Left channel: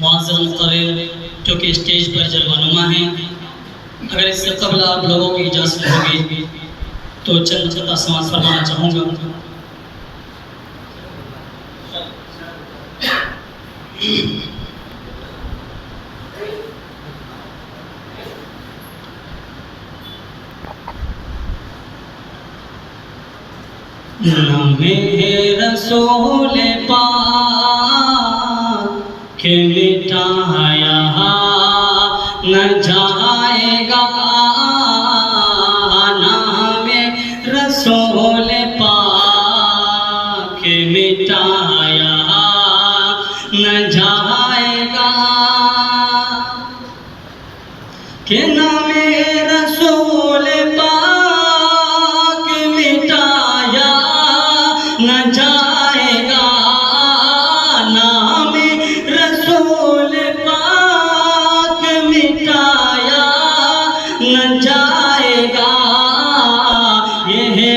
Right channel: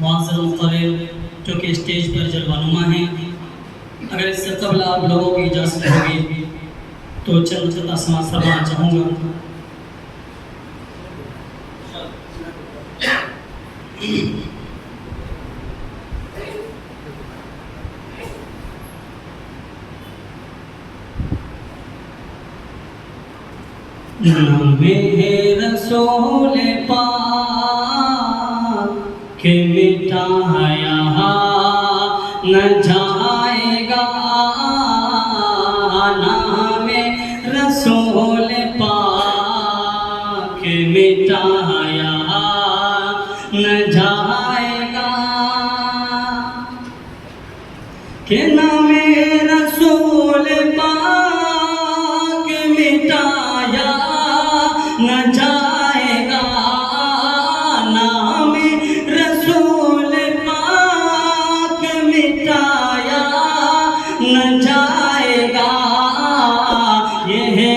मुअज़्ज़ज़ मुक़र्रिर जो कि स्टेज पर जलवानुमा हैं, अगर इससे कबल आप लोगों की इजाज़त होगी तो चंद चंदा समाज फरमाना चाहूँगा। नामे रसूल पाक के मिटाया न जाएगा, नामे रसूल पाक के मिटाया न जाएगा, कि नामे रसूल पाक मिटाया न जाएगा, नाम रसूल पाक मिटाया न जाएगा। ये है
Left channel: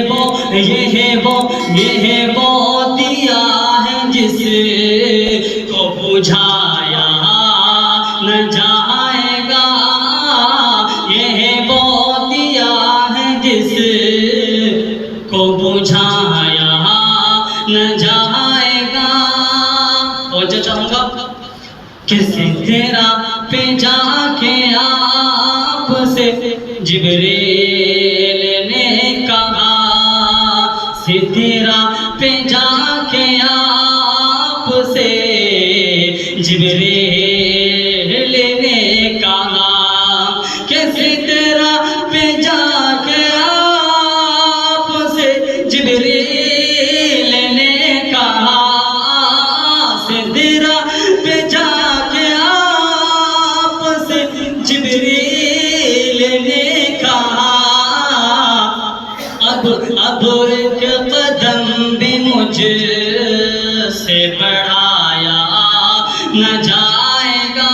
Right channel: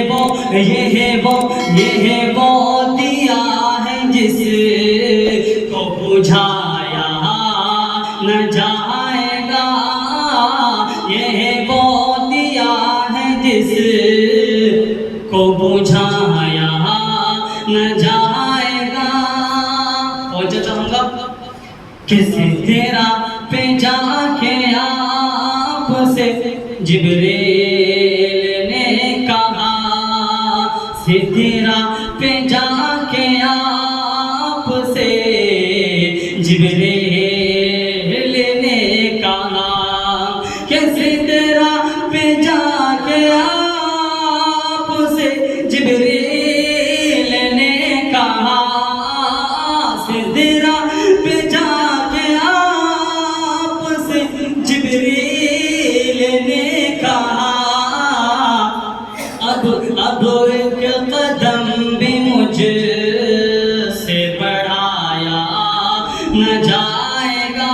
वो दिया है जिसको बुझाया न जाएगा, ये है वो दिया है जिसको बुझाया न जाएगा। पहुंचा चाहूंगा किसी तेरा पे जाके आपसे जिब्रील ने कहा, सितेरा पे जाके आपसे जिब्रील ने कहा, कि सितेरा पे जाके आपसे जिब्रील ने कहा, सितेरा पे जाके आपसे जिब्रील ने कहा, अब एक कदम भी मुझसे बढ़ाया न जाएगा,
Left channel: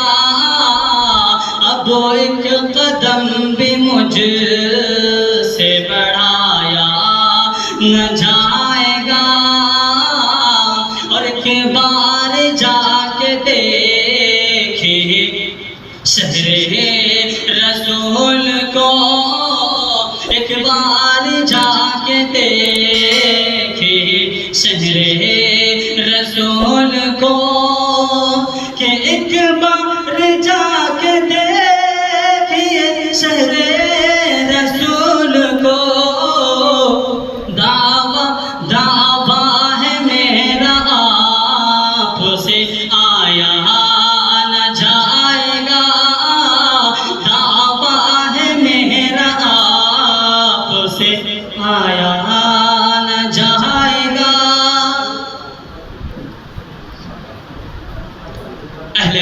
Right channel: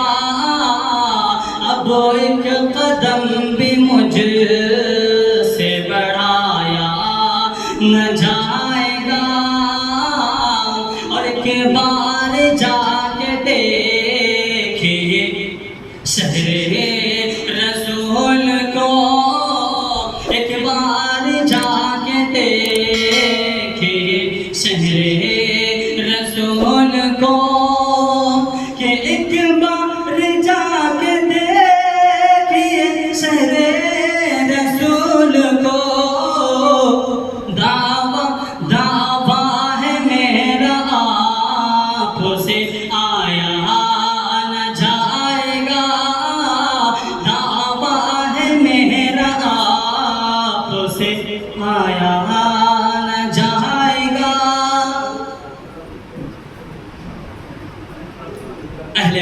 अब एक कदम भी मुझसे बढ़ाया न जाएगा, और एक बार जाके देखिए शहरे रसूल को, एक बार जाके देखिए शहरे रसूल को, कि एक बार जाके देखिए शहरे रसूल को, दावा है मेरा आपसे आया न जाएगा, दावा है मेरा आपसे आया न जाएगा। अहले